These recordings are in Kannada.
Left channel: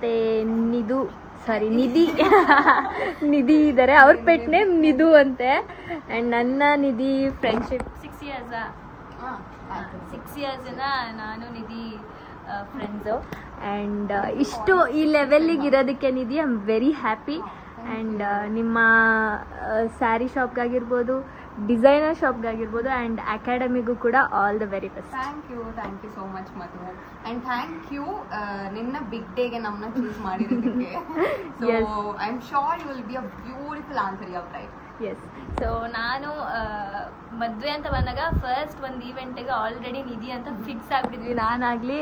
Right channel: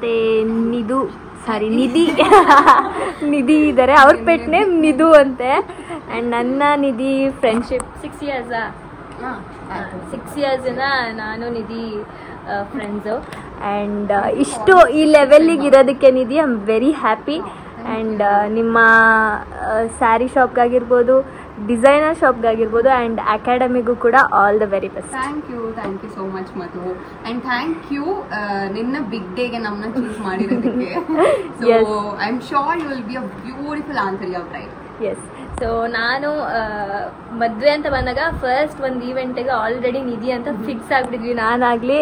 ಮತ್ತೆ ನಿಧಿ ನಿಧಿ ಇದ್ದಾರೆ, ಅವ್ರ ಪೆಟ್ ನೇಮ್ ನಿಧು ಅಂತೆ. ಆ್ಯಂಡ್ ನನ್ನ ನಿಧಿ ಫ್ರೆಂಡ್ಶಿಪ್ 6 years 6 years ನಾನು ನಿಧಿ ಫ್ರೆಂಡ್ಸು. ಆ್ಯಂಡ್ ಇಷ್ಟು ಈ ಲೆವೆಲ್ಲಿಗೆ ಇರೋದಕ್ಕೆ Nidhi I am very happy. And ನಿಮ್ಮ ಸ್ಯಾರಿ ಶಾಪ್ಗಾಗಿರ್ಬೋದು, ಡಿಸೈನರ್ ಶಾಪ್ಗಾಗಿರ್ಬೋದು, ಆ್ಯಂಡ್ ಅಕಾಡೆಮಿಗೂ ಕೂಡ all the very best. Thank you so much Madhu. And thank you ನಿನ್ನ ಬಿಗ್ ಡೇಗೆ ನಮ್ಮನ್ನ ಚೂಸ್ ಮಾಡಿರೋದಕ್ಕೆ. So I am sure you will be a beautiful answer your bride. Yes. So ನಾನು ಮದುವೆ ಅಂತ ಬಂದಾಗ ಫಸ್ಟ್ ಒಂದು ಈವೆಂಟಿಗೆ ಆಲ್ರೆಡಿ ನಿಧಿ ಅಂತ ಫಿಕ್ಸ್ ಆಗಿಬಿಟ್ಟಿದ್ವಿ, ನಾನಾಗಲಿ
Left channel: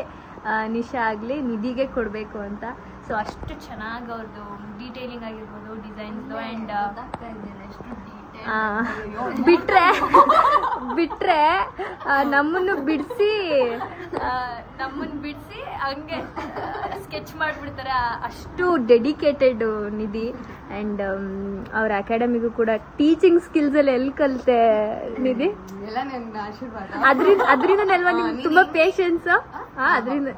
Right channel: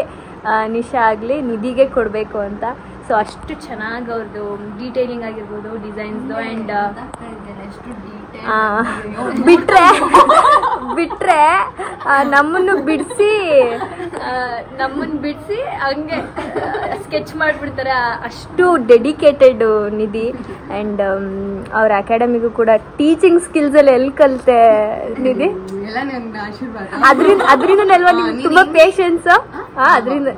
ನಿಶಾ ಆಗಲಿ ನಿಧಿಗೆ ಕೊಡಬೇಕು ಅಂತ. ಸೊ ಅಷ್ಟು ಚೆನ್ನಾಗಿ ಅವ್ರದ್ದು ಡೀಟೇಲಿಂಗ್ ಆಗಿರ್ಬೋದು, ಡಿಸೈನ್ಸ್ದು. ಆ್ಯಂಡ್ ಬಿಟ್ರೆ ನಮ್ಮನ್ನು ಬಿಡಿಸಿ ಹಂಗೆ ಸ್ಕೆಚ್ ಮಾಡಿಬಿಡ್ತಾರೆ, ಅಷ್ಟು ಡೆಡಿಕೇಟೆಡ್ ನಿಧಿ. ಆ್ಯಂಡ್ ಅವ್ರ ಅಕಾಡೆಮಿಗೂ ಕೂಡ ಟೀಚಿಂಗ್ ಸ್ಕಿಲ್ಸಲ್ಲಿ ಎಲ್ಲಿ ಕಲಿತೆ ನಿಧಿ? ಅದರಿಂದ ಅಲ್ವಾ ನಿಮ್ಗೆ ತುಂಬ ಪೇಷನ್ಸ್? ಅದರಿಂದ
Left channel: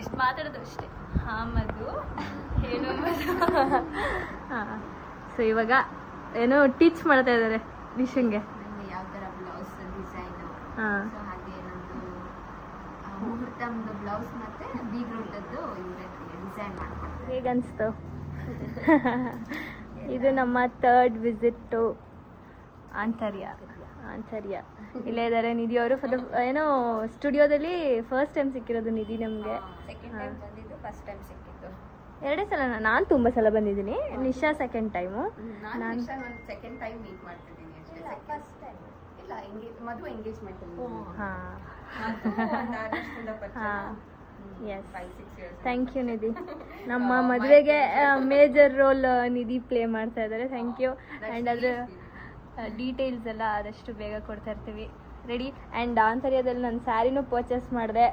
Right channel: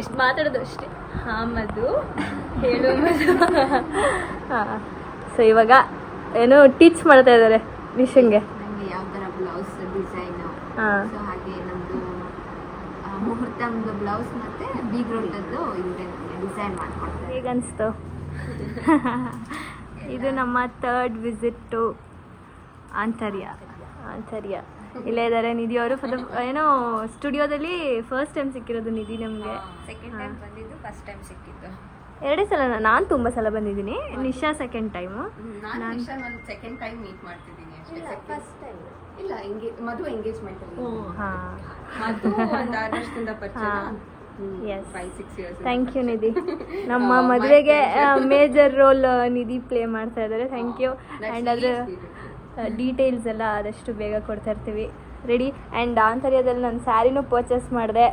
ಎಷ್ಟು ಮಾತಾಡೋದು ಅಷ್ಟೇ. ಮಧು ಹೇಳು ಮಧು. ಸೊ ಇವಾಗ ಏನೋ ಟೀಚ್ ಮಾಡ್ತಾ ಇದ್ದಾರೆ ನಿಶಂಗೆ. ಯಾವ ಥರ ಬ್ಲೌಸ್ ಡಿಸೈನು, ಹಾಗೆ ನಮ್ಮದು ಮುಹೂರ್ತಮ್ದು ಬ್ಲೌಸ್ ಮತ್ತು ಬೀಗ್ರೌಂಡದ್ದು ಡಿಸೈನ್ ಮಾಡ್ಕೊಡ್ತಾರೆ. ಈಗ ಅನಿಸ್ತು. ಇದು ನಮ್ಮ 3rd ವಿಸಿಟ್ಟು ಆಂತರ್ಯ. ಇಲ್ಲೇ ಇದ್ದಾರೆ ನಿಧಿ ಅವರು. ಏನೋ ಸ್ಟುಡಿಯೋದಲ್ಲಿ ಫಸ್ಟ್ ಟೈಮ್ ಸಿಕ್ಕಿರೋದು ನಿಧಿ ನಮಗೆ. ಸೆಕೆಂಡ್ ಟೈಮ್ ಬಂದಿದ್ದು, ಫಸ್ಟ್ ಟೈಮ್ ಸಿಕ್ಕಿದ್ದು 2 ಸಲ. ನಾನು ತುಂಬ ಸಲ ಬಂದಿದ್ದೀನಿ, ನಿಶಾ ಸೆಕೆಂಡ್ ಟೈಮು. ನಾನು ಸೆಕೆಂಡ್ ಟೈಮ್ ಮೀಟ್ ಮಾಡ್ತಿದ್ದೀನಿ ಅಷ್ಟೇ. ಫಸ್ಟ್ ಟೈಮ್ ಇಲ್ಲ, ಮಧು ಎಂಗೇಜ್ಮೆಂಟ್. ಮಧು ಒಂದು 6 ವರ್ಷದಿಂದ ಪರಿಚಯ. Thank you Nidhi. ನಮ್ಮ ಮದುವೆಗೆ ಮೇಜರ್ ರೋಲ್ ನಿಧಿ ಪ್ಲೇ ಮಾಡ್ತಾ ಇದ್ದಾರೆ. Thank you. ಆ್ಯಂಡ್ ಅದರ ಡೀಟೇಲ್ಸ್ ಎಲ್ಲ ಆದಷ್ಟು ಬೇಗ ಕೊಡ್ತಾ ಇರ್ತೀವಿ. ರೆಡಿ. ಆ್ಯಂಡ್ ಆಂತರ್ಯದಲ್ಲಿ ನಾನು ಸ್ಯಾರಿನೂ ಪರ್ಚೇಸ್ ಮಾಡಿದೆ,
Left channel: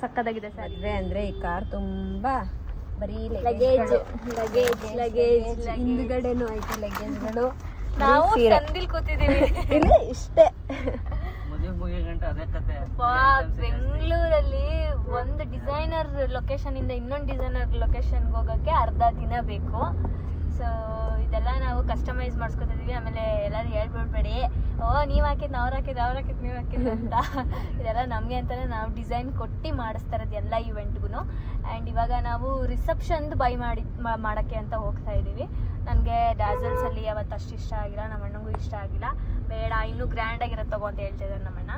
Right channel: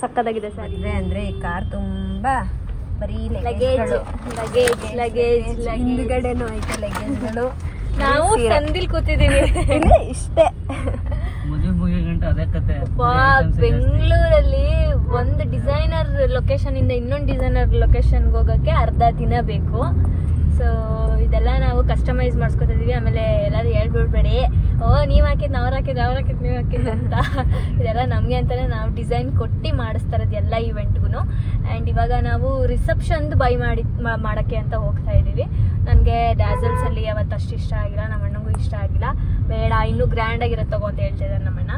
ಸಕ್ಕತ್ತಾಗಿದೆ ಸ್ಯಾರಿ. ಅಂದರೆ ಈ ಕಾರ್ ತುಂಬ ಬರೀ ಲಗೇಜ್ಗಳು. ನಾವು ಸಂದಿಲ್ ಕೂತಿದ್ದೀವಿ ಇಷ್ಟೇ. ಬೆಂಗಳೂರಲ್ಲಿ ಒಂದು ಡಿಸೈನರ್ ಲೊಕೇಶನ್ ಇಂದ ಇನ್ನೊಂದು ಡಿಸೈನರ್ ಲೊಕೇಶನ್ಗೆ ಹೋಗೋಕ್ಕೆ ಅರ್ಧ ದಿನ ಬೇಕು. ಸೊ ಇದೆಲ್ಲ ನಾವು ಕಸ್ಟಮೈಸ್ ಮಾಡಿಸ್ಕೊತಿದ್ದೀವಿ. ಆಮೇಲೆ ಎಲ್ಲರೂ ಹೇಳ್ಬಿಡ್ಬೇಡಿ, ನೀವು ಹಾಕಿದ್ದು ಅವ್ರು ಹಾಕಿದ್ದು ನೀವು ಹಾಕಿದ್ದು ಅಂತ. ಇದೆಲ್ಲ ನಮಗೆ ಅಂತಲೇ ನಾವು ಡಿಸೈನ್ ಕೊಟ್ಟು ಮಾಡಿಸ್ತಾ ಇರೋದು ಎಲ್ಲ ಇವೆಂಟ್ಗೂ. ಆ್ಯಂಡ್ ಇವಾಗ ನಾವು ರಿಸೆಪ್ಷನ್ದು ಮಾಡೋಕ್ಕೆ ಅಂತ ಹೋಗ್ತಾ ಇದ್ದೀವಿ. ನನಗೆ ಡ್ಯಾಸಲ್ಸಲ್ಲಿ ಯಾವತ್ತು ಅಷ್ಟು ಇಷ್ಟ ಆಗಿಲ್ಲ, ನಮ್ಮ ಅಣ್ಣಂಗೂ ಇಷ್ಟ ಆಗಿಲ್ಲ. ಬೇಡ, ಇನ್ನೂ ಗ್ರ್ಯಾಂಡಾಗಿರೋದು ತಗೋ ಅಂತ ಹೇಳ್ತಿದ್ದಾರೆ ನಮ್ಮಣ್ಣ.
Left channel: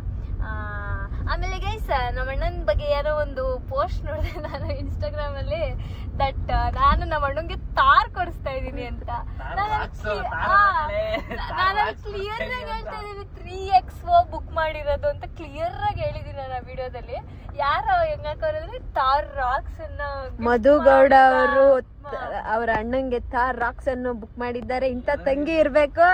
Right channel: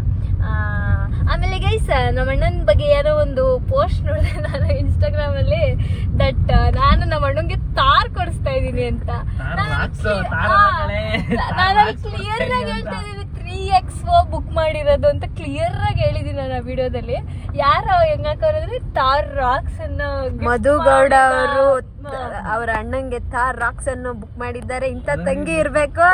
ಆಮೇಲೆ ಗೈಸ್, ನಮ್ಮ ಅಣ್ಣನ ಬಗ್ಗೆ ಯಾರೋ ಒಂದು ಪೋಸ್ಟ್ ನೋಡಿದೆ ನಾನು ಇನ್ಸ್ಟಾಗ್ರಾಮಲ್ಲಿ, ದಟ್ ನಾನು ನಮ್ಮ ಅಣ್ಣಂಗೆ ತಾರ್ ಕೊಡಿಸ್ತಾ ಇದ್ದೀನಿ ಅಂತ. ನಾನು ಕ್ಲಿಯರ್ ಆಗಿ ಹೇಳ್ತಾ ಇದ್ದೀನಿ 3XO ಬುಕ್ ಮಾಡಿರೋದು ಅಂತ ಕ್ಲಿಯರ್ ಆಗಿ ಹೇಳಿದೀನಿ ನಾನು ಆ ವಿಡಿಯೋದಲ್ಲಿ. ಯಾರು ಹೆಂಗಾಕವ್ರೆ ತಾರ್ ರಾಕ್ಸ್ ಅನ್ನ ಮಧು ಗೌಡ ಅವರು ಅವ್ರ ಅಣ್ಣಂಗೆ ತಾರ್ ರಾಕ್ಸ್ ಅನ್ನು ಬುಕ್ ಮಾಡಿದ್ದಾರೆ. ಇಂಥ ತಂಗಿ ಇರ್ಬೇಕು.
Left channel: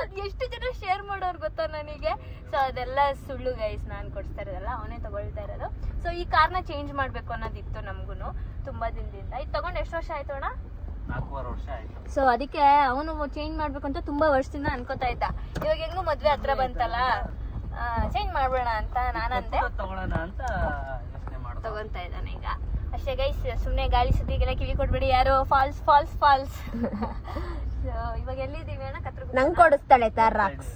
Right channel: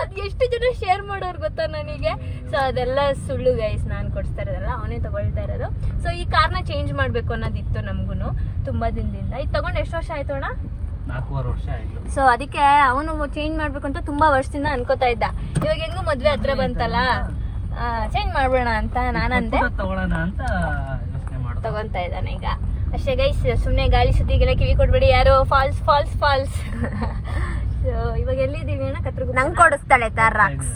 ಅದ್ ಎಷ್ಟು ಜನ ಶೇರ್ ಮಾಡೋರು ಗೊತ್ತಾ ನನಗೆ. ಸೊ ಅದೆಲ್ಲ ಸುಳ್ಳು ಗೈಸ್, ನಾನು ಕೊಡಿಸ್ತಾ ಇರೋದಲ್ಲ, ಅವನೇ ತಗೊಳ್ತಾ ಇರೋದು. ಸೊ ಈ ಕಾರ್ನ ಚೇಂಜ್ ಮಾಡ್ಬೇಕು ಅನ್ನೋದಿತ್ತು ನಮ್ಗೂನು ತುಂಬಾ ದಿನದಿಂದ. ಇದು ತಗೊಂಡು ಎಷ್ಟು ವರ್ಷ ಆಯ್ತು ಅಣ್ಣ? 4 ವರ್ಷ ಆಯ್ತು. ಸೊ ಅದಕ್ಕೆ ಅವನು ಚೇಂಜ್ ಮಾಡ್ಬೇಕು ಅಂತ ತುಂಬಾ ವರ್ಷದಿಂದ ಅನ್ಕೋತಾ ಇದ್ದ. ಇವಾಗ ಹೆಂಗು ಮದ್ವೆ ಹತ್ರ ಬಂತಲ್ಲ, ಚೇಂಜ್ ಮಾಡ್ಬಿಡೋಣ ಅಂತ ನಾನಂದೆ. ತಗೊಂತಾ ಇದ್ದಾನೆ ಈಗ ಅಷ್ಟೇ ಗೈಸ್. ಸುಮ್ನೆ ಗಾಳಿ ಸುದ್ದಿಗೆಲ್ಲ ಕಿವಿ ಕೊಡ್ಬೇಡಿ ಯಾರು. False false false. ಇವಾಗ ಎಲ್ಲಿದ್ದೀವಿ ಅಣ್ಣ? ಕತ್ರಗುಪ್ಪ. ನಂಗೆ ಕೊಡಿಸ್ತಾಳೆ ತಾರ್ ರಾಕ್ಸ್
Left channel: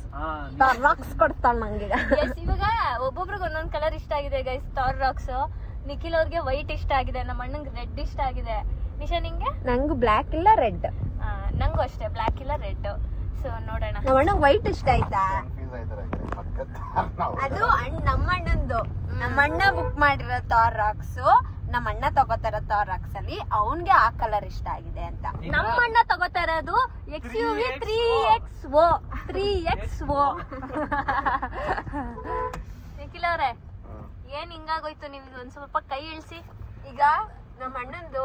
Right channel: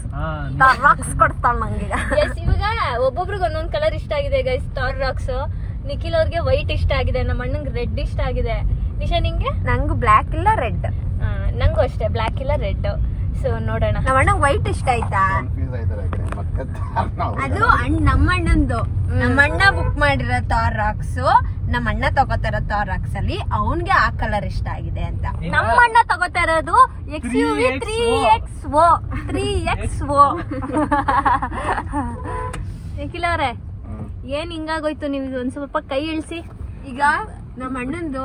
ಕೊಡ್ತಾಳೆ ನಂಗೆ. ಎಸ್, ಇವಾಗ ಒಬ್ಬೊಬ್ರಿಗೆ ಒಂದೊಂದ್ ಕಲರ್ ಇಷ್ಟ ಆಗಿದೆ ಗೈಸ್. ತಾರ್ ರಾಕ್ಸ್ ನಿಖಿಲ್ ಅವ್ರಿಗೆ ವೈಟ್ ಇಷ್ಟ ಆಗಿದೆ, ನಮ್ಮ ಅಣ್ಣಂಗೆ ರೆಡ್ ಇಷ್ಟ ಆಗಿದೆ. ನಿಶಾ ನಿಂಗೆ? ನಂಗೂ ಬ್ಲ್ಯಾಕ್ ಇಲ್ಲ ರೆಡ್. ನಂಗೂ ಅಷ್ಟೇ, ಬ್ಲ್ಯಾಕ್ ಇಲ್ಲ ರೆಡ್. ಸೊ ನೋಡೋಣ. ನಮ್ಮ ಅಣ್ಣ ವೈಟ್ ಇಷ್ಟ ಆಯ್ತಾ? ಅದು ನಮ್ಮ ಅಣ್ಣಂದು. ನಮ್ಮ ಅಣ್ಣ ಬುಕ್ ಮಾಡಿರೋ ತಾರ್ ರಾಕ್ಸ್ ನಮ್ಮ ಅಣ್ಣ ತಗೋತಾರ ತಾರ್ ರಾಕ್ಸ್ ಅಲ್ಲಿ ಅವನ್ಗೆ ಆ ಕಲರ್ ಇಷ್ಟ ಆಗಿದೆ ಅಂತ. ನಮ್ಮ ಅಣ್ಣ ತಗೋತಾ ಇರೋದು XUV 3XO. ನಿಖಿಲ್ ಅವ್ರೆ, ಏನ್ ಹಿಂಗಾಗೋಯ್ತು? ನೀವು ಒಂದ್ ಸ್ವಲ್ಪ ಕೈ ಇಳಿಸಿ. ಈಗ ನಮ್ಮ ಅಣ್ಣಂದು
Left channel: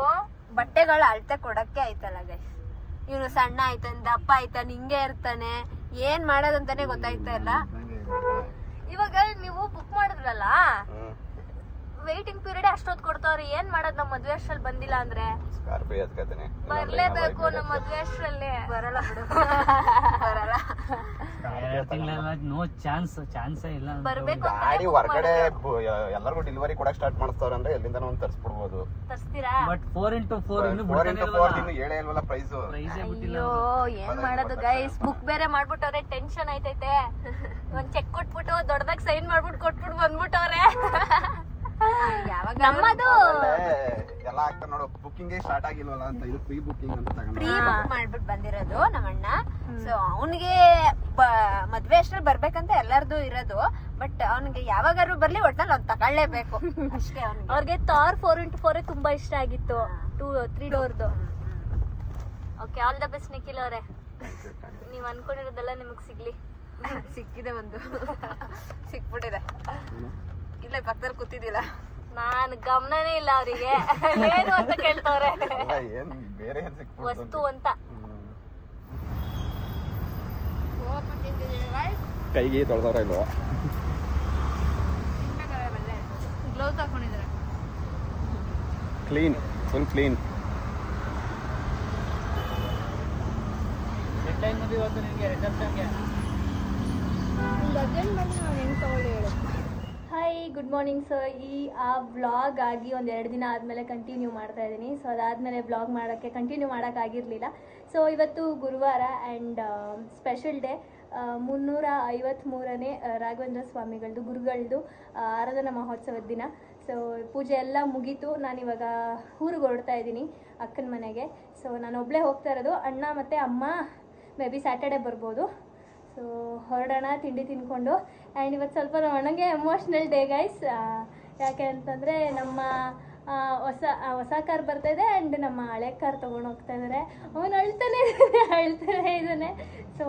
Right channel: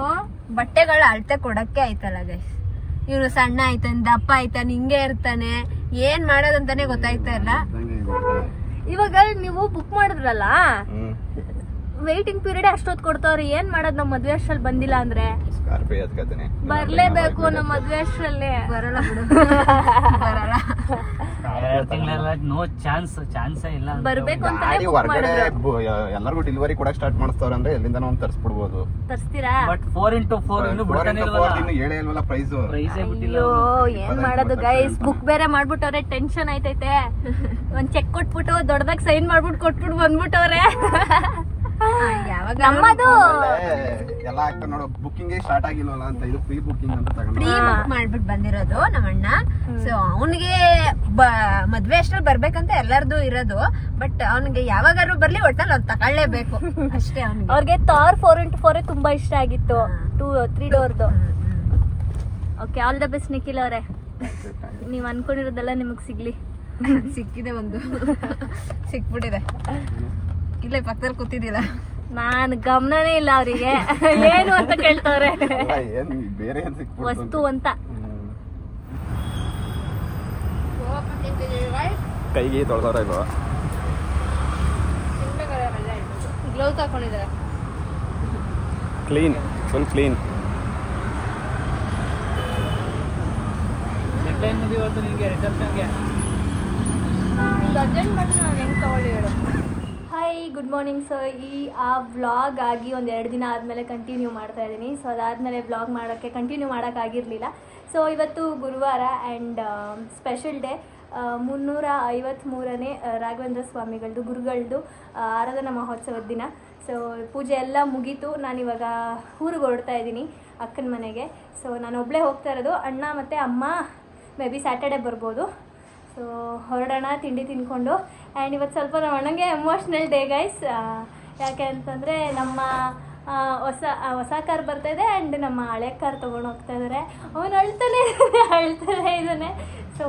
ಬಟ್ಟೆಗಳ ಅಳತೆ ಕೊಡಕ್ಕೆ ಆಯ್ತಲ್ಲ ಗೈಸ್. ಇವ್ರು ಸಣ್ಣ ಆಯ್ತಾನೆ, ದಪ್ಪ ಆಯ್ತಾನೆ, ಹಿಂಗೆ ಇರ್ತಾನೆ, ಏನ್ ಮಾಡೋದಂತಾನೆ ಗೊತ್ತಾಯ್ತಾ ಇಲ್ಲ. ಇವಾಗ ನೀವು ಬುಕ್ ಮಾಡಿದ್ರಲ್ಲ, ವೇಟಿಂಗ್ ಪೀರಿಯಡ್ ಅಷ್ಟೊತ್ತು ಕೊಡ್ತಾವ್ರಿ. ಏನ್ ಮಾಡೋದ್? ನಮ್ ಮದ್ವೆ ಅಷ್ಟ್ರಲ್ಲಿ ಬಂದಿಲ್ಲ ಅಂದ್ರೆ ಬರ್ಲೇಬೇಕು. ನಮ್ ಮದ್ವೆ ಅಷ್ಟ್ರಲ್ಲಿ ನೋ ಚಾನ್ಸೇ ಇಲ್ಲ. ಬರ್ಬೇಕು ಅಂತ ಗಾಡಿ ಹೊರಗಡೆ ಎಲ್ಲರಿಗೂ ಡೆಲಿವರಿ ಕೂಡ ಸ್ಟಾರ್ಟ್ ಮಾಡಿಸ್ತಾವ್ರೆ ಅಂದ್ರೆ ಎಲ್ಲಿಂದ ನಾವು ತರಿಸ್ಬಿಡ್ಬೋದು. ತರಿಸ್ತೀರಾ? ಬಟ್ 4x4 ಹೇಳೇ ಇಲ್ವಲ್ಲ ಪ್ರೈಸ್. ಅಯ್ಯೋ ಏನ್ ಮಾಡೋದು ಗೈಸ್, ಬುಕ್ ಬೇರೆ ಮಾಡ್ಬಿಟ್ಟವ್ರೆ, ಟೆನ್ಷನ್ ಆಯ್ತೈತೆ. ಒಂದ್ ಚೆಕ್ ಕೊಟ್ಬಿಟ್ಟು ದೊಡ್ಡದಾಗ ಸೈನ್ ಮಾಡ್ಬಿಟ್ಟು ಕೊಟ್ಬಿಟ್ಟು ಬಂದ್ಬಿಟ್ಟವ್ರೆ. ನಮ್ಮದು ಎಲ್ಲ ಆಗ್ತದೆ ನೋಡು, ಬುಕ್ಕಿಂಗ್ ಸ್ಟಾರ್ಟ್ ಆಗಿಲ್ವಲ್ಲ ಅಂತ ಇದು ಪ್ರೀ ಬುಕ್ಕಿಂಗ್ ಅಂತ ತಗೊಂಡು ಪ್ರೀ ಬುಕ್ ಮಾಡ್ಬಿಟ್ಟು ಬಂದಿರೋದು ನಮ್ಮಣ್ಣ. ಸೊ ಅವನಿಗೆ ಮದ್ವೆ ಅಷ್ಟ್ರಲ್ಲಿ ಬರ್ಬೇಕಂತ ಎಲ್ಲರದು ಇರೋದು. ಬಟ್ ಅವನಿಗೆ ಯಾವಾಗಾರು ಬರ್ಲಿ ಒಟ್ಟಲ್ಲಿ ಅವ್ನು ತಗೊಳ್ಳೇಬೇಕು ಅಷ್ಟೇ. ಅವ್ರಿಗೆ ಥಾರ್ 4x4 ತುಂಬಾ ಇಷ್ಟ ಆಗಿತ್ತು, 3 ಡೋರ್ದು. Okay, all the best Nikhil ಅವರೇ. ನೀವ್ ಅನ್ಕೊಂಡಿರೋದೆಲ್ಲ ನಿಮಗ್ ಸಿಗ್ಲಿ. ಸಿಕ್ಕಿದೆ, ಒಂದು ಸಿಕ್ಬಿಟ್ಟಿದೆ. ಇಲ್ಲೇ ಪಕ್ಕದಲ್ಲಿ ಕೂತಿದ್ದೀರಾ, ನಾನ್ ಗಮನನೇ ಇಲ್ಲ ಅವರಿಗೆ ಏನು ಅಂತ ಕೇಳ್ತವ್ರೆ. ಬೇರೆ ವಸ್ತು ಅಂತ. ಕೈಗೆ ತೊಳೆದವ್ರ ಗ್ಲೌಸ್ ಹಾಕೊಂಡಿದ್ದಾರೆ. Clean, full clean. Hi, good morning. So ಆ ವ್ಲಾಗ್ ಆಗಿ ಒಂದು 2 ದಿನ ಆದಮೇಲೆ ಕಂಟಿನ್ಯೂ ಮಾಡ್ತಾ ಇದ್ದೀನಿ. ಸೊ ಅದಾದಮೇಲೆ ವ್ಲಾಗ್ ಮಾಡೋಕ್ಕೆ ಕಂಟಿನ್ಯೂ ಮಾಡೋಕ್ಕಾಗಿರಲಿಲ್ಲ. ಸೊ ಇವತ್ತು ಗುರುವಾರ ಆ್ಯಂಡ್ ಸ್ಪೆಷಲ್ ಡೇ, 353ನೇ ರಾಘವೇಂದ್ರ ಸ್ವಾಮಿಗಳದ್ದು ಗುರುಗಳದ್ದು ಆರಾಧನಾ ಮಹೋತ್ಸವದ ದಿನ. ಸೊ ಪೂಜೆ ಎಲ್ಲ ಮುಗೀತು. ನಾನಿವಾಗ ಊರಿಗೆ ಹೊರಡ್ತಾ ಇದ್ದೀನಿ ಅಕ್ಕನ ಮನೆಗೆ. ಸೊ ನಾನು ಒಬ್ಬಳೇ ಹೋಗ್ತಾ ಇರೋದು. ಅಣ್ಣ ಮತ್ತು ಅಮ್ಮ ಮೇ ಬಿ ಸ್ಯಾಟರ್ಡೆ ಬರ್ಬೋದು. ಸೊ ಹೊರಡೋಣ ತಿಂಡಿ ತಿನ್ಕೊಂಡು. ಆ್ಯಂಡ್ ಇವತ್ತು ಸ್ವಲ್ಪ ನಮ್ಮ ಅಣ್ಣಂಗೆ ಎಮೋಷ್ನಲ್ ಡೇ ಗೈಸ್. ಯಾಕೆ ಅಂತಂದರೆ ನಮ್ಮ ಹೊಸ ಕಾರ್ ಬರ್ತಾಯಿದೆ ಆ್ಯಂಡ್ ನಮ್ಮ ಹಳೆ ಕಾರ್ ತೊಗೊಂಡು ಹೋಗ್ತಾ ಇದ್ದಾರೆ. ಅವನು ಅಳ್ತಾನೆ ಇದ್ದಾನೆ. ಸೊ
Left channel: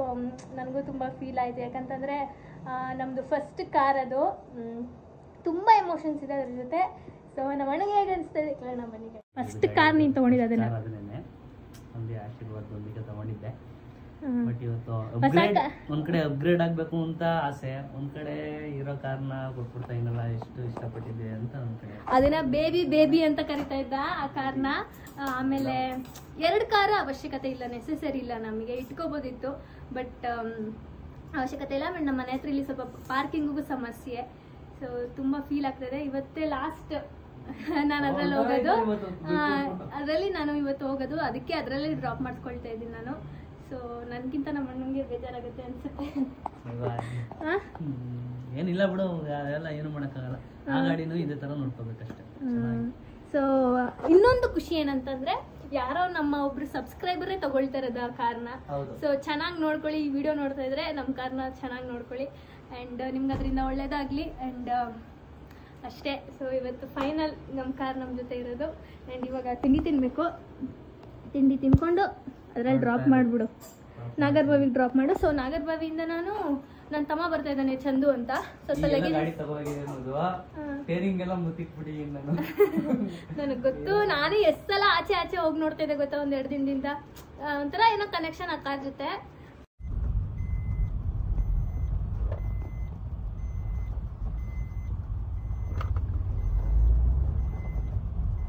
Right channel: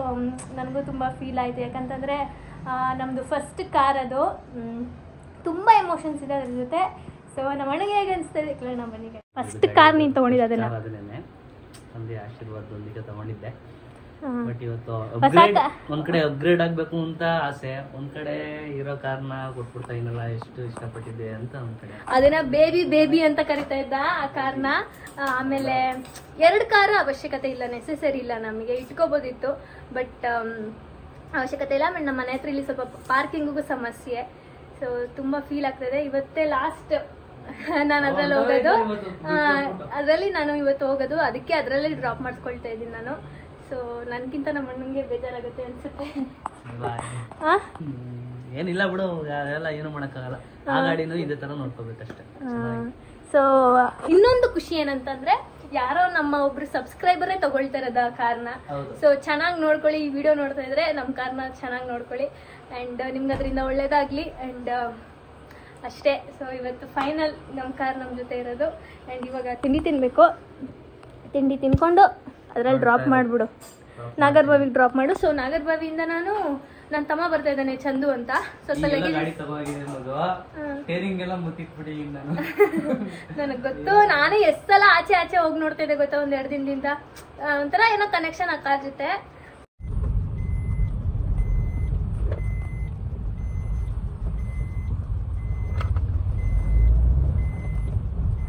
ನನಗೂ ತುಂಬ ಫೀಲ್ ಆಯಿತು. ಯಾಕಂತಂದರೆ ನಮ್ಮದು ಫಸ್ಟ್ ಕಾರ್ ಅದು. ತುಂಬ ಎಮೋಷನ್ಸ್ ಇದೆ ಅದ್ರ ಜೊತೆ. ಸೊ ನಮ್ಮ ಅಣ್ಣಗೆ ಹೇಗೆ ಅನಿಸ್ತದೆ ಕೇಳೋಣ ಬನ್ನಿ. ಫಸ್ಟ್ ಕಾರ್ ನೀನು ತೊಗೊಂಡಿದ್ದೆ ಅದನ್ನೇ ತಂದೆ ಆಶೀರ್ವಾದದೊಂದಿಗೆ ತಗೊಂಡಿದ್ದೆ. ಬಟ್ ಇವತ್ತು ಒಂದ್ ಕಡೆ ಅಪ್ಗ್ರೇಡ್ ಆಗ್ಬೇಕು ಅಂತ ಆಸೆ, ಒಂದ್ ಕಡೆ ಇರೋ ಕಾರ್ನ ಕೊಟ್ಬಿಡ್ತಾ ಇನ್ನಲ್ಲ, ಎಷ್ಟು ಇಷ್ಟಪಟ್ಟಿದ್ದೆ ಅಂತ ಒಂದ್ ಕಡೆ ಅದನ್ನ ಬೇಬಿ ಅಂತ ಕರಿತಾ ಇದ್ದ ಆ ಕಾರ್ನ. ಆಮೇಲೆ 2 ಕಾರ್ ಅವಶ್ಯಕತೆ ಇಲ್ಲ, ನೆಸೆಸರಿ ಇಲ್ಲ, ನಮಗೆ ಇಟ್ಕೋಬೋದಿತ್ತು. ಬಟ್ ಅವಶ್ಯಕತೆ ಇಲ್ಲ. ಆಮೇಲೆ ನಮ್ಮ ಮನೆ ಹತ್ರ ಇಲ್ಲಿ ಸ್ವಲ್ಪ ಪಾರ್ಕಿಂಗಿಗೂ ಸಮಸ್ಯೆ. ಸೊ ತುಂಬಾ ಫೀಲ್ ಆಗ್ತದೆ. ಇವತ್ತೇ ಲಾಸ್ಟ್ ನಾನು ಅದ್ರಲ್ಲಿ ಹೋಗೋದು. ಅದರಲ್ಲಿ ನಾನು ಇವತ್ತು ಹೋಗೋದು, ಅದಕ್ಕೆ ಅದರಲ್ಲೇ ಡ್ರಾಪ್ ಮಾಡಿಸ್ಕೊಳ್ತಾ ಇದ್ದೀನಿ ನಾನು. ಸೊ ನನಗಿಂತ ನಮ್ಮ ಅಣ್ಣಂಗೆ ಬೇಜಾರಾಗುತ್ತೆ ಅನ್ಸುತ್ತೆ. ಏನಿಲ್ಲ ಬಿಡು, ಅದೆಲ್ಲ ಏನು ಮಾಡೋಕ್ಕಾಗಲ್ಲ. ಆ ಗಾಡಿನೂ ಇದೇ ತರ ನೋಡ್ಕೋಬೇಕಷ್ಟೇ. ಸೊ ಇನ್ನೊಂದು ಖುಷಿ ಏನಂತಂದ್ರೆ, ಯಾರೋ ನಮ್ಮ ಒಬ್ರು ಸಬ್ಸ್ಕ್ರೈಬರೇ ತಗೊಳ್ತಾ ಇರೋದು ಆ ಕಾರ್ನ. ಸೊ ಚೆನ್ನಾಗಿ ನೋಡ್ಕೊಳ್ಳಿ, ಈ ವಿಡಿಯೋ ನೋಡ್ತಾ ಇದ್ರೆ ನಮ್ಮ ಕಾರ್ನ ಚೆನ್ನಾಗಿ ನೋಡ್ಕೊಳ್ಳಿ ಆ್ಯಂಡ್ ನಿಮ್ಗೆ ಅದರಿಂದ ಒಳ್ಳೇದಾಗಲಿ. ಆ್ಯಂಡ್ ಅಷ್ಟೇ. ಸೊ ಇವತ್ತು ಫೈನಲ್ ನಮ್ಮ ಕಾರ್ ನಮ್ಮ ಜೊತೆ ಇರೋದು. ಆ್ಯಂಡ್ ಇವಾಗ ತಿಂಡಿ ತಿನ್ನಬೇಕು. ತಿಂಡಿ ತಿನ್ಕೊಂಡು ಅದರಲ್ಲಿ ಡ್ರಾಪ್ ಮಾಡಿಬಿಡು, ನಾಗರಬಾವಿಗೆ ಡ್ರಾಪ್ ಮಾಡು. ಸೊ ನಾಗರಬಾವಿಯಿಂದ ನನ್ನ ತಮ್ಮ ಬರ್ತಾ ಇದ್ದಾನೆ, ಚಂದು ಅಂತ. ನನಗೆ ಗೊತ್ತು, ನಾನು ಎಷ್ಟು ಸಲ ಆಚೆ ಹೋಗಿ ನೋಡ್ತಾ ಇದ್ದೆ ಗೊತ್ತಾ, 1-2 ದಿನದಿಂದ. ಒಂಥರ ಏನೋ ಕನೆಕ್ಷನ್ ಆ ಕಾರ್ ಜೊತೆ.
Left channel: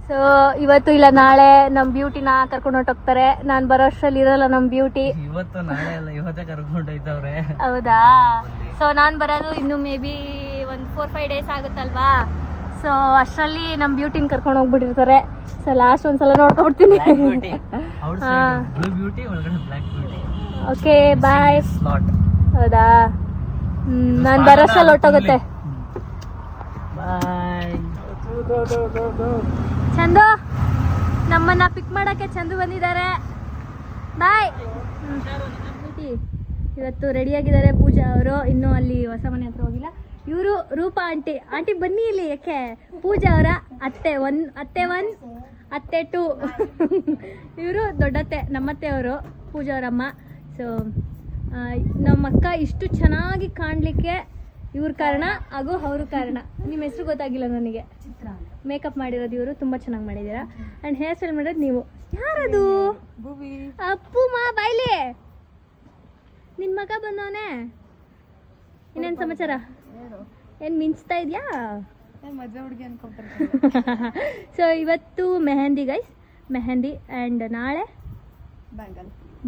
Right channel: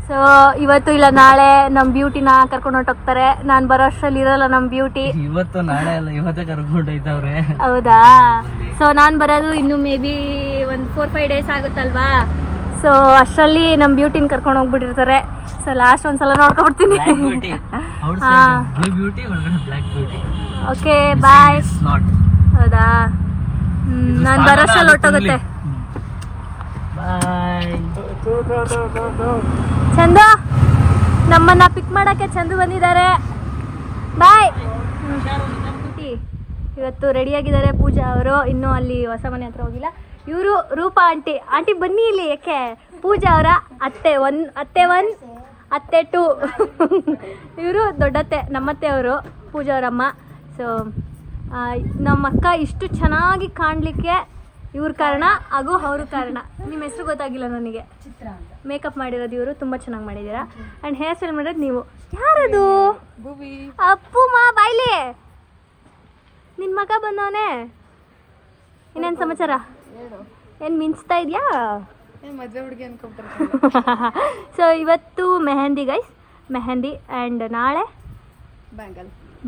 ಸೊ ಇವತ್ತು ಇಲ್ಲ ನಾಳೆ ನಮ್ ಬ್ಯೂಟಿನ ಕರ್ಕೊಂಡು ಹೊರಟೋಗ್ತಾರೆ. ನಾನ್ ಬರೋ ಅಷ್ಟ್ರಲ್ಲಿ ಇರಲ್ಲ ನಮ್ ಬ್ಯೂಟಿ. ಇವತ್ತು ನಾಳೆ ಅಲ್ಲ, ಇವತ್ತೇ ಕರ್ಕೊಂಡು ಹೋಯ್ತವ್ರೆ. ಹೌದಾ? ಸೊ ನಾನ್ ಬರೋದು ಇನ್ನು ಮೇ ಬಿ 4-5 ಡೇಸ್ ಆಗುತ್ತಲ್ವಾ. ಸೊ ಅಷ್ಟರಲ್ಲಿ ನಮ್ ಬ್ಯೂಟಿನ ಕರ್ಕೊಂಡು ಹೋಗ್ಬಿಟ್ಟಿರ್ತಾರೆ. ಸೊ ಲಾಸ್ಟ್ ಒಂದ್ಸಲ ನೋಡ್ಕೊಡ್ತೀನಿ. Okay bye. ಹೌದಾ? ನಾನ್ ಬರೋ ಅಷ್ಟ್ರಲ್ಲಿ ಹೊರಟೋಗುತ್ತೆ. ಚಂದು, ನಮ್ಮನ್ನ ಪಿಕ್ ಮಾಡಕ್ಕೆ ಚಂದು ಬಂದಿದ್ದಾರೆ. ಬಾಯ್. ಇವತ್ತು ರೆಡಿ ಆಗಿದ್ದಾರೆ ಪೂಜಾ ಅವರು. ಇನ್ನೂ ಅಲ್ಲಿ ಹೊಸ ಮನೆ ಹತ್ರ ಹೋಗಿಲ್ಲ. ಇವರು ರೂಪಾ ಆಂಟಿ ಬನ್ನಿ ಇಲ್ಲಿ. ಯಾಕೆ? ಪೂಜಾ ಅವರ ಅತ್ತೆ 1, ಅತ್ತೆ 2. ಇವರು ದೊಡ್ಡತ್ತೆ, ನಮ್ಮತ್ತೆ ಅವರು, ಪೂಜಾ ಅವರಮ್ಮ. ಸೊ ನಮ್ಮ ಅಕ್ಕ ಇಷ್ಟು ಚೆನ್ನಾಗಿ ಕಾಣ್ಲಿಕ್ಕೆ ಇವ್ರ ಕಾರಣ ಹಾಗೂ ಅವ್ರ ಕಾರಣ. ನಿಮ್ಮ ಹೆಸರು ಗೊತ್ತಾಗಿಲ್ಲ ನನಗೆ. ಮೇಕಪ್ ಮಾಡಿರೋದು ಇವರು, ತುಂಬಾ ಚೆನ್ನಾಗಿ ಮಾಡಿದ್ದೀರಾ. ಅಂಡ್ ಹೇರ್ ಸ್ಟೈಲ್ ಮಾಡಿರೋದು ನೀವು. ಯಾರದು? ಅಪ್ಪು ಮಾ ಬಾಯ್ಲಿ, ನಿನ್ ಮಗ ಬಂದವನೇ. ಇನ್ನೇನ್ ಸಮಾಚಾರ? ಏನ್ ಮಿಂಚ್ತಾ ಇದ್ಯಾ? ಮದ್ವೆ ಹುಡುಗಿ ಅನ್ಕೊಂತಾರೆ. ಸೊ ಇವತ್ತು ಮೆಹಂದಿ ಗೈಸ್, ಮೆಹಂದಿ. ಅಂಡ್ ನಾಳೆ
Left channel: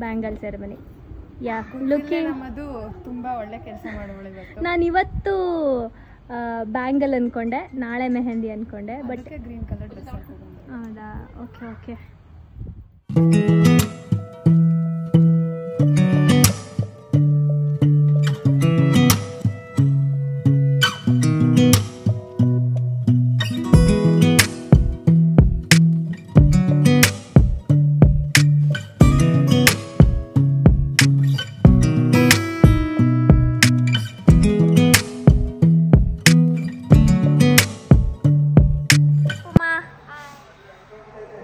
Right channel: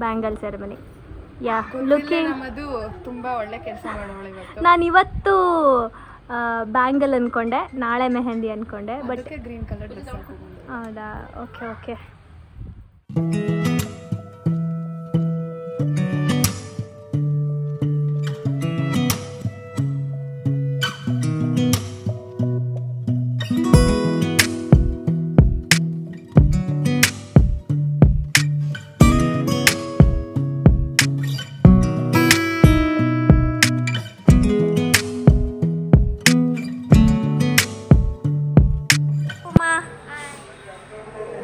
ಬ್ಯಾಂಗಲ್ ಸೆರೆಮನಿ. ಯಾ ಲುಕಿಂಗ್ ನಮ್ಮದು ತುಂಬಾ ಒಳ್ಳೆ ಕೆಲಸ ಮಾಡೋಳು ಇವತ್ತು. ನಾನು ಇವತ್ತು ಬ್ಯಾಂಗಲ್ ಅನ್ಕೊಂಡೆ, ನಾಳೆ ಮೆಹಂದಿ ಅನ್ಕೊಂಡೆ, ಬಟ್ ಗ್ರೀನ್ ಕಲರ್ ಡ್ರೆಸ್ ಹೌದಾ? Okay okay.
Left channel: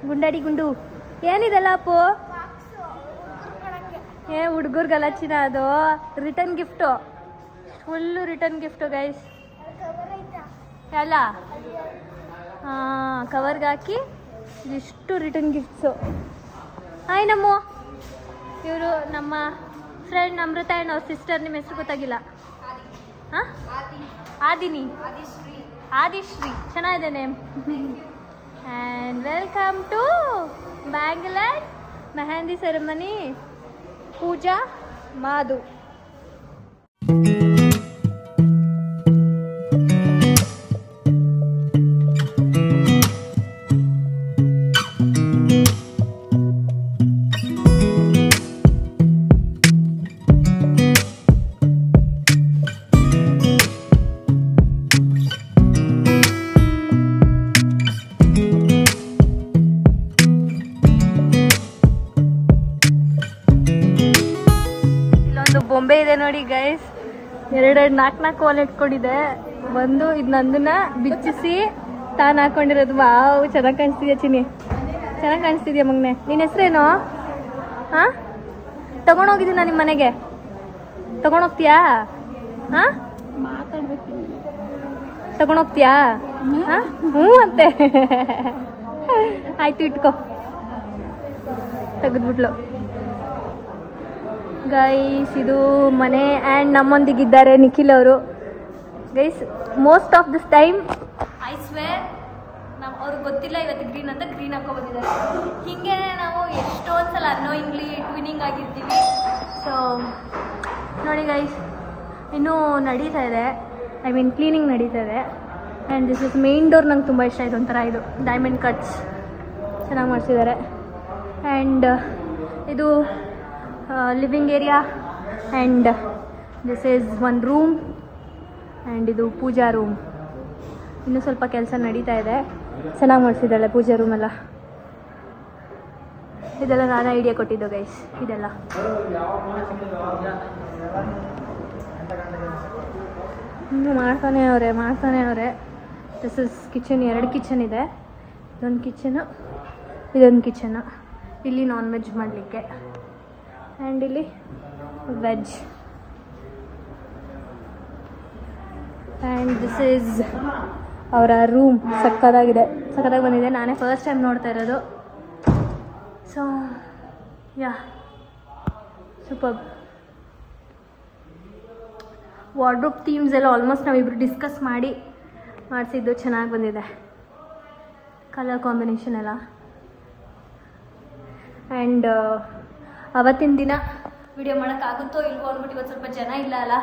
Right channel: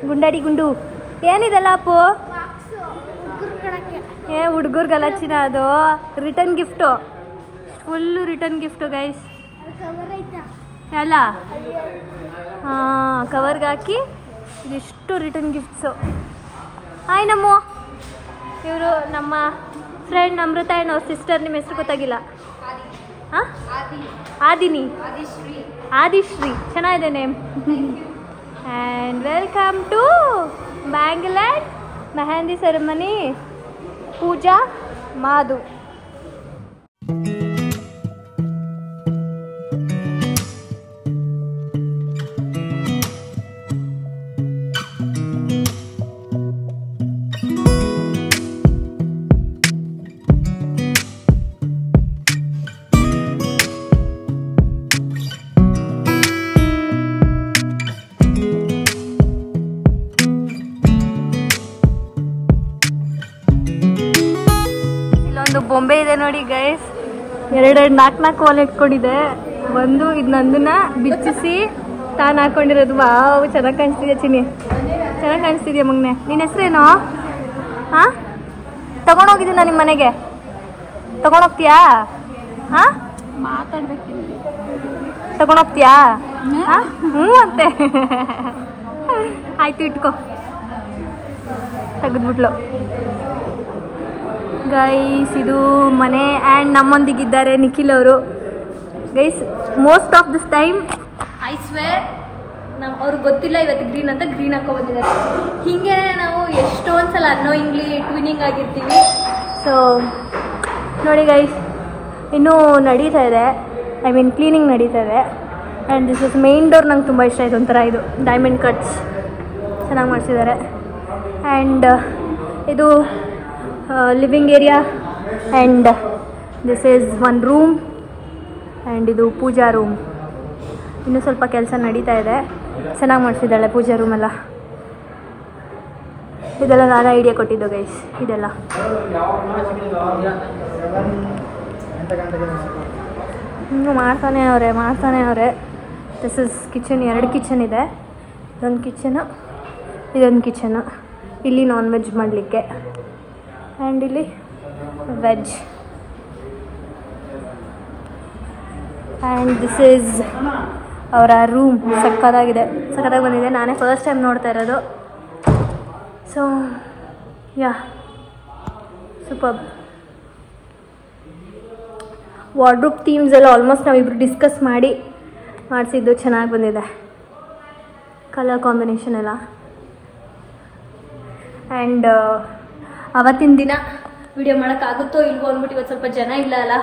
ಗುಂಡಾಡಿ ಗುಂಡು ಏನಿದೆಲ್ಲ ಅಪ್ಪು? ಹುಡುಗರ್ಗೆಲ್ಲ ಚಿನ್ನ, ಅದು return gift, full return gift guys ಎಲ್ಲ. ಹಾಂ, ಕವರ್ಗೆ ಹಾಕಿ ಇದಿಷ್ಟು ರಿಟರ್ನ್ ಗಿಫ್ಟ್ಸು. ಹಾಯ್ ನಮ್ಮ ಇವರು ನಮ್ಮ ಫ್ರೆಂಡ್ ಅಮೃತ ಆ್ಯಂಡ್ ಅವ್ರ ಸಿಸ್ಟರ್. ನಿಮ್ಮ ಹೆಸರು ಗೊತ್ತಾಗಿಲ್ಲ? ಹಾಂ, ಆದಿನಿ, ಆದಿಶ್ರೀ, ಚೆನ್ನಾಗಿದೆ name. And welcome to Bangalore Mehendi ceremony. Pooja Madhu. ಬೊಂಬೆ ಇದೆ ನೋಡಿ ಗೈಸ್, 2-4 ಓಲೆ ಇಟ್ಕೊಂಡಿದೆ. ಒಂದು ಇದು ನಂದನ್ನ ಬಿಚ್ಚಿಸಿ ತಾನು ಹಾಕೊಂಡಿರೋದು. ವಾವ್, ಚೆನ್ನಾಗಿ ಕಾಣಿಸ್ತಿದ್ಯಾ ಚಿನ್ನಿ, ಚೆನ್ನಾಗಿ ಕಾಣಿಸ್ತಿದ್ಯಾ ಮಗನೆ. ನಿನ್ನ ಹೆಸರೇನು? ಹಾಂ, ತಗೊಂಡೋಗಿದ್ದೀನಿ ನಾನು ನಿಮ್ಮ ಮನೆಗೆ, ತಗೊಂಡೋಗ್ತೀಯಾ? ಹಾಂ, ತಗೊಂಡೋಗ್ತೀಯಾ? ಹಾಂ, ಹ್ಞೂ ಅಂತೆ. ಆಯ್ತು, ಇಟ್ಕೋ. ತೆಗೆದ್ಬಿಟ್ಲು ಗೈಸ್. ಇದು ಮನೆ ಆ್ಯಂಡ್ ನಮ್ಮೊಂದಿಗಿದ್ದಾರೆ ನಿಖಿಲ್ ಅವರು. Guys, most of this time I square ಅವ್ರಿಗೆ ಗೊತ್ತಿಲ್ಲ ಇವತ್ತು ಗ್ರೀನ್ ಅಂತ ಗ್ರೀನ್ ಹಾಕೋ ಬಂದಿದ್ದಾರೆ. ಹೀಗೆ ನಾವು ಎಷ್ಟೊಂದು ಸಲ ಅನ್ನೋಯಿಂಗ್ಲಿ ಟ್ವಿನಿಂಗ್ ಆಗಿರ್ತೀವಿ. ಸೊ ನೋಡಿ ಗೈಸ್, ಇನ್ನೂ ನಡೀತಾ ಇದೆ, ಐ ಮೀನ್ ಕ್ಲೀನಿಂಗ್ ನಡೀತಾ ಇದೆ. And this is main door. ನಂಗೆ ತುಂಬ ಇಷ್ಟ ಆಯಿತು, ಒಂಥರ ಇದು ಡೈಮಂಡ್ ಕಟ್ಸ್ ಚೆನ್ನಾಗಿ ಮಾಡಿಸಿದ್ದಾರೆ. ಆ್ಯಂಡ್ ಇದು living area and this is one room and ಇದು ಪೂಜಾ ರೂಮ್. ಇನ್ನೂ ಸ್ವಲ್ಪ ಕೆಲಸ ನಡೀತಾ ಇದೆ. ಚೆನ್ನಾಗಿ ಮಾಡಿಸಿದ್ದಾಳೆ ಪೂಜಾ ರೂಮೆಲ್ಲ. ಇದೆಲ್ಲ ನಾನು ಐಡಿಯಾ ಕೊಟ್ಟಿದ್ದು ಗೈಸ್. ಇದೆಲ್ಲ ಇನ್ನೂ ಮಾಡ್ತಾನೆ ಅವರೇ. This is kitchen. 2 ಕಿಚನ್ ಇದೆ. ಇದೊಂದು ಕಿಚನು, ಇದೊಂದು ಕಿಚನು. ಇಲ್ಲಿ ನಾನ್ ವೆಜ್ ಮಾಡಲಿಕ್ಕೆ ಆ್ಯಂಡ್ ಇಲ್ಲಿ ವೆಜ್. ಆ್ಯಂಡ್ ದಿಸ್ ಈಸ್ ಅವರ ರೂಮ್. ಸಕ್ಕತ್ತಾಗಿ ಬಂದಿದೆ. ನಾನೇ ಫಸ್ಟ್ ಟೈಮ್ ನೋಡ್ತಾ ಇರೋದು. So yeah, super. Wardrobe themes ಎಲ್ಲ ಆಲ್ಮೋಸ್ಟ್ ನಾವಿಬ್ರು ಡಿಸ್ಕಸ್ ಮಾಡಿಸಿದ್ದು ಚೆನ್ನಾಗಿ ಬಂದಿದೆ. ಕಲರ್ ಕಾಂಬಿನೇಷನ್ ಎಲ್ಲ. ಆ್ಯಂಡ್ ಅವತ್ತಿನ ದಿನ ವಿಡಿಯೋ ಮಾಡೋಕ್ಕಾಗುತ್ತೋ ಇಲ್ವೋ ಅಂದ್ಬಿಟ್ಟು ಇವತ್ತು ಸ್ವಲ್ಪ ಜನ ಇಲ್ಲ ಅಲ್ಲ,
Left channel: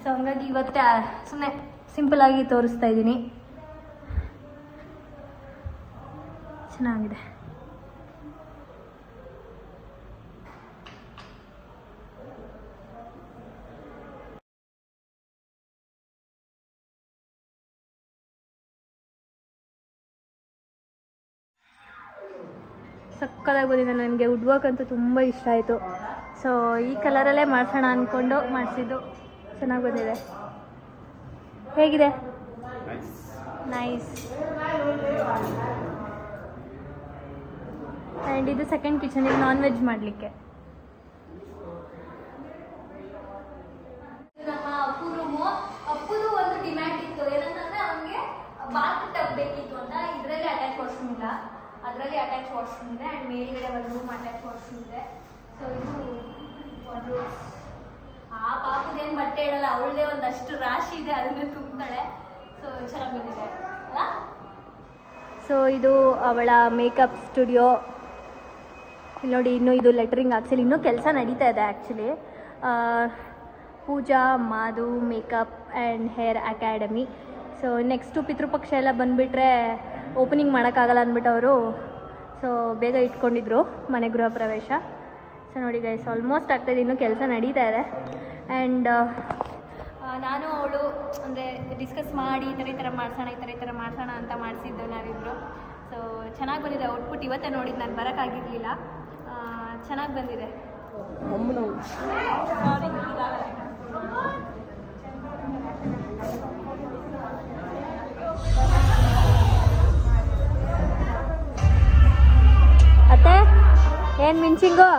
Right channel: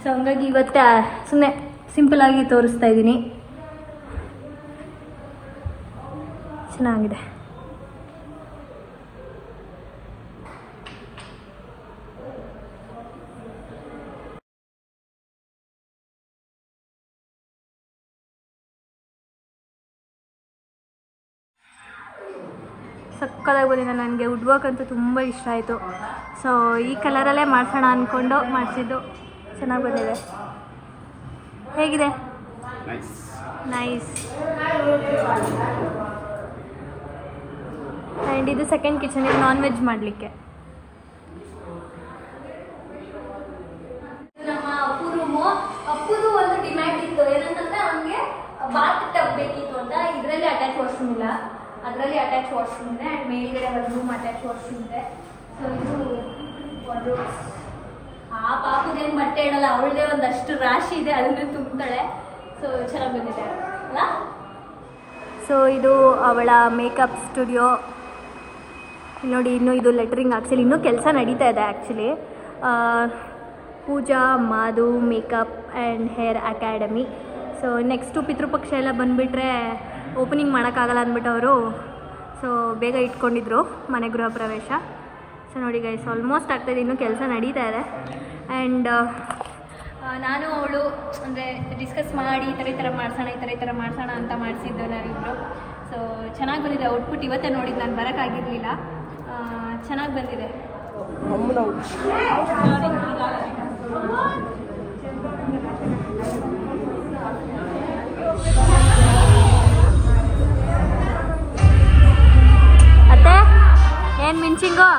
ಸೊ ಹಂಗಾಗಿ ಇವತ್ತೇ ಸುಮ್ಮನೆ ಸಿಂಪಲಾಗಿ ತೋರಿಸ್ತಾ ಇದ್ದೀನಿ. ಚೆನ್ನಾಗಿದೆ. ಸಕ್ಕತ್ತಾಗಿ ಬಂದಿದೆ. ನನಗೆ ವುಡ್ ವರ್ಕ್ ಅಂತೂ ತುಂಬ ಇಷ್ಟ ಆಯಿತು. ಸೊ ಈ ಕಲರಲ್ಲೇ ಮಾಡಿಸೋಣ ಅಂದ್ಕೊಂಡು ಮಾಡಿಸಿದ್ದು. ಚೆನ್ನಾಗಿ ಬಂದಿದೆ. ಹೇಗಿದೆ? ನೈಸ್. ಆ್ಯಂಡ್ ಇದು ಸೆಕೆಂಡ್ ಕಿಚನ್. ಇದು ನಾನ್ ವೆಜ್ ಮಾಡಲಿಕ್ಕೆ. ನಮ್ಮ ಅಪ್ಪು ರೂಮು. ಅಪ್ಪುದು ಒಂದು ಡಿಮ್ಯಾಂಡ್ ಇತ್ತು, ಏನಂತಂದರೆ ಅವನಿಗೆ ಬಾತ್ ಟಬ್ ಬೇಕಿತ್ತು ಅಂತ. ಇದರಲ್ಲಿ ಅಟ್ಯಾಚ್ ವಾಶ್ರೂಮ್ ಇಲ್ಲ, ಅದರಲ್ಲಿ ಅಟ್ಯಾಚ್ ವಾಶ್ರೂಮ್ ಇದೆ. ಆ್ಯಂಡ್ ಮೇಲ್ಗಡೆ ಒಂದು ರೂಮ್ ಅಟ್ಯಾಚ್ ವಾಶ್ರೂಮ್ ಇದೆ. ಸೊ ಇದು ಒಂದು ಆ ಪಾಪುದೇನು ಬಟ್ಟೆ ಇಡಲ್ಲ, ಅವಳದೇ ಒಂದಷ್ಟು ರಾಶಿ ಇದೆ, ಅದನ್ನೇ ತುಂಬ್ತಾಳೆ. ಸೊ ಚೆನ್ನಾಗಿ ಬಂದಿದೆ ಅಲ್ಲ. ಸೊ ಇದು ಅವಳ ಮೇಕಪ್ ಸ್ಟುಡಿಯೋ ನೋಡಿ. ಇನ್ನೂ ಇದು ಲೆಟ್ರಿಂಗ್ ಆ್ಯಕ್ಚುಲಿ ಇನ್ನೂ ಕೆಲಸ ನಡೀತಾ ಇದೆ actually. Pooja Madhu makeup and hair academy. So next Pitrupaksha ಎಲ್ಲ ಬಂದುಬಿಟ್ರೆ ಓಪನಿಂಗ್ ಮಾಡೋಕ್ಕಾಗಲ್ಲ ಅಂದ್ಬಿಟ್ಟು ಅವರು ಸೊ ಬೇಗ ಇಟ್ಕೊಂಡಿದ್ರು ಮನೆ ಗೃಹ ಪ್ರವೇಶ. ಸೊ ನೋಡಿ ಗೈಸ್, ಆಲ್ಮೋಸ್ಟ್ ಆಗ್ತಾಯಿದೆ, ಇನ್ನೂ ಕೆಲಸ ನಡೀತಾ ಇದೆ. ಆ್ಯಂಡ್ ನಾನು ಅವಳು ಅಂದರೆ ಡಿಸ್ಕಸ್ ಮಾಡಿ ಈ ಥರ ಮಾಡಿಸೋಣ ಅಂತ ಮಾಡಿಸಿದ್ದು ನಾವಿಬ್ಬರು. ಸೊ ಚೆನ್ನಾಗಿ ಬಂದಿದೆ ಔಟ್ಪುಟ್. ಇವತ್ತೇ ನೋಡಿದ್ದು, ನಾನು ಬರೋಕ್ಕಾಗಿರಲಿಲ್ಲ. ಚೆನ್ನಾಗಿ ಬಂದಿದೆ. ಅತ್ತೆ ಏನು ಮಿಂಚಿಂಗು?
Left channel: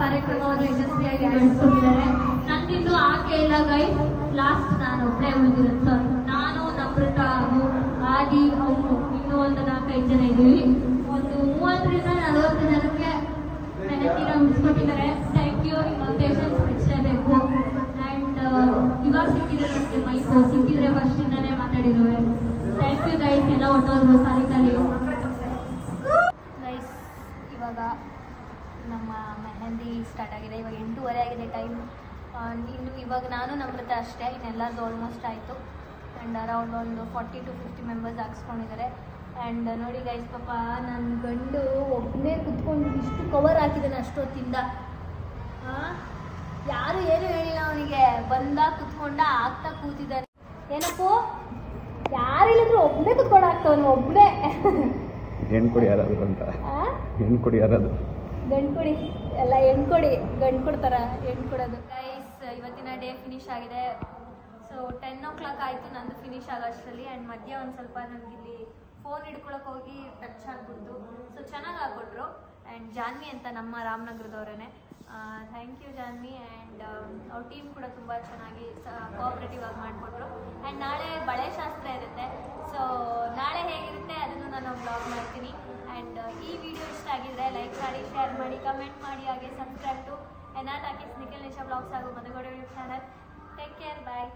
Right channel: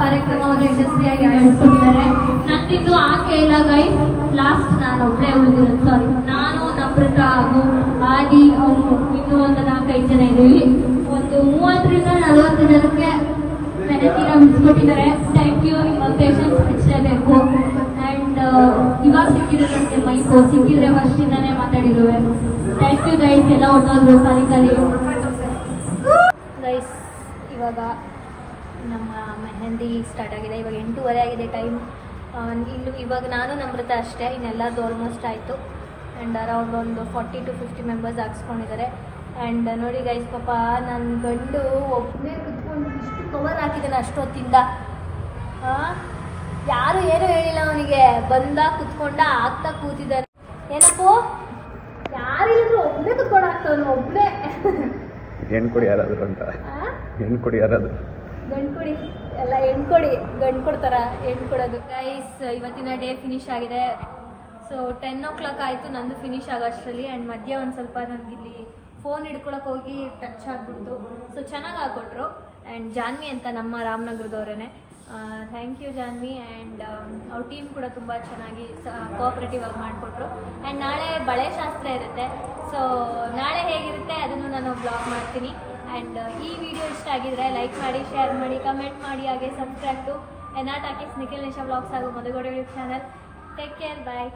ಕಾರ್ಯಕ್ರಮವನ್ನು ಯಶಸ್ವಿಯಾಗಿ ನಡೆಸ್ಕೊಟ್ಟಿದ್ದಾರೆ. ನಂದಿದ್ದು ಆಕೆ ಇಲ್ಲ ಗೈ, ಲಾಸ್ಟ್ ನಾನು ಒಬ್ಬಳೇ ಉಳಿದಿರೋದು. ಸಾರಿ, ನಾನು ನಮ್ರತ ಹಾಗೂ ಆದಿ ಅವರು ಇನ್ನೂ ಒಂದು 4-5 ಜನ ಇದ್ದೀವಿ. ಒಂದು 30-40 ಜನಕ್ಕೆ ಮೆಹಂದಿನ ಉಳಿಸ್ಕೊಟ್ಟಿದ್ದಾರೆ. Thank you. ನಿಮ್ಮ ಪೇಷನ್ಸ್ ಹೆಚ್ಚಬೇಕು. ಆ್ಯಂಡ್ ಇವಾಗ ಸಿಕ್ಕಿದ್ರೆ ನನಗೆ ಮೈಕು ಸಿಕ್ಕಿದ್ರೆ ಫಸ್ಟಿಂದಾನೇ ಮಾತಾಡಿರುವೆ. Thank you guys. ಎಲ್ಲ ಹೊಟ್ಟೋದ್ರು ಖಾಲಿ ಗೈಸ್. ಇವಾಗ ನಮ್ಮ ಮೆಹಂದಿ ಸ್ಟಾರ್ಟ್ ಆಗಿದೆ. ಇವಾಗ 8:30 ಆಗಿದೆ ಟೈಮ್. ಇವಾಗ ನಾನು ನಮ್ರತ ಅಷ್ಟೇ, ಇನ್ನೆಲ್ಲರದು ಆಲ್ಮೋಸ್ಟ್ ಆಯಿತು. ಆ್ಯಂಡ್ ಅರೌಂಡ್ ಒಂದು 40-50 ಮೆಂಬರ್ಸ್ ಹಾಕ್ಸ್ಕೊಂಡಿದ್ದಾರೆ. ಆ್ಯಂಡ್ ನೋಡಿ ಗೈಸ್, ಪಾಪ ನನ್ನ ಗಂಡು ಒಬ್ಬನೇ ಕುತ್ಕೊಂಡು ಇಷ್ಟು ಕವರ್ ಹಾಕಿದ್ದಾನೆ ಅಷ್ಟೊತ್ತಿಂದ. ಯಾರು ಏನೂ ಹೇಳಿಲ್ಲ ಅವನಿಗೆ, ಬಂದಾಗ ಕುತ್ಕೊಂಡ ಆಗ್ತಾ ಕೂತಿದ್ದಾನೆ. ಏನಪ್ಪು ಯಾರಿಲ್ಲದ್ರು ಒಬ್ಬನೇ ಕುತ್ಕೊಂಡು ಆಗ್ತಾವನು, ಒಬ್ಬನೇ. ಹೆಣ್ಕೊಡಿ ಯಾರಾದ್ರು ಅಂತ, ಹೆಣ್ಕೊಡಿ ಯಾರಾದ್ರು, ಗಂಡು ಕೊಡಿ ಎಲ್ಲ, ಹೆಣ್ಣು ಕೊಡಿ, ಗಂಡು ಕೊಡ್ತಾರ, ಹೆಣ್ಣು ಕೊಡೋದು. ಗೈಸ್, ಇವತ್ತಿನ ಡೇ ಫಿನಿಶ್ ಆಗಿದೆ. ಸೊ 10 o'clock ಆಯಿತು ನಂದು ಫಿನಿಶ್ ಆಗೋಷ್ಟರಲ್ಲಿ. ಆ್ಯಂಡ್ ಮಧ್ಯ ಒಂದು ಸ್ವಲ್ಪ ನನಗಿಲ್ಲಿ ಫೋನ್ ಹಿಡ್ಕೊಳಕ್ಕೆ ಹೋಗಿ ಟಚ್ ಆಗಿಬಿಡ್ತು. ಸೊ ಚೆನ್ನಾಗಿ ಹಾಕ್ಕೊಟ್ರು. ಆ್ಯಂಡ್ ಜಾನ್ವಿ ಅಂತ ನಮ್ಮ ರಾಮನಗರದವರೇ. Thank you Janvi. ಆ್ಯಂಡ್ ಅವ್ರ ಟೀಮ್ ಕೂಡ ತುಂಬ ಚೆನ್ನಾಗಿ ಕೋಆಪ್ರೇಟಿವ್ ಆಗಿ ಮಾಡಿಕೊಟ್ರು. ಆ್ಯಂಡ್ ನಾಳೆ ಬಳೆ ಶಾಸ್ತ್ರ ಇರುತ್ತೆ. ಸೊ ನಾಳೆ ಹೇಗಿರುತ್ತೆ ಅದನ್ನು ನಾನು ಬ್ಲಾಗ್ ಮಾಡ್ತೀನಿ. ಆ್ಯಂಡ್ ಈ ವಿಡಿಯೋ ಇಷ್ಟ ಆಗಿದ್ರೆ ಲೈಕ್ ಮಾಡಿ, ಶೇರ್ ಮಾಡಿ, ಕಮೆಂಟ್ ಮಾಡಿ, ಹಾಗೆ subscribe to NR talkies Nikhil Nisha vlogs ಹಾಗೂ Madhugowda YouTube channel. Take care, ಬಾಯ್.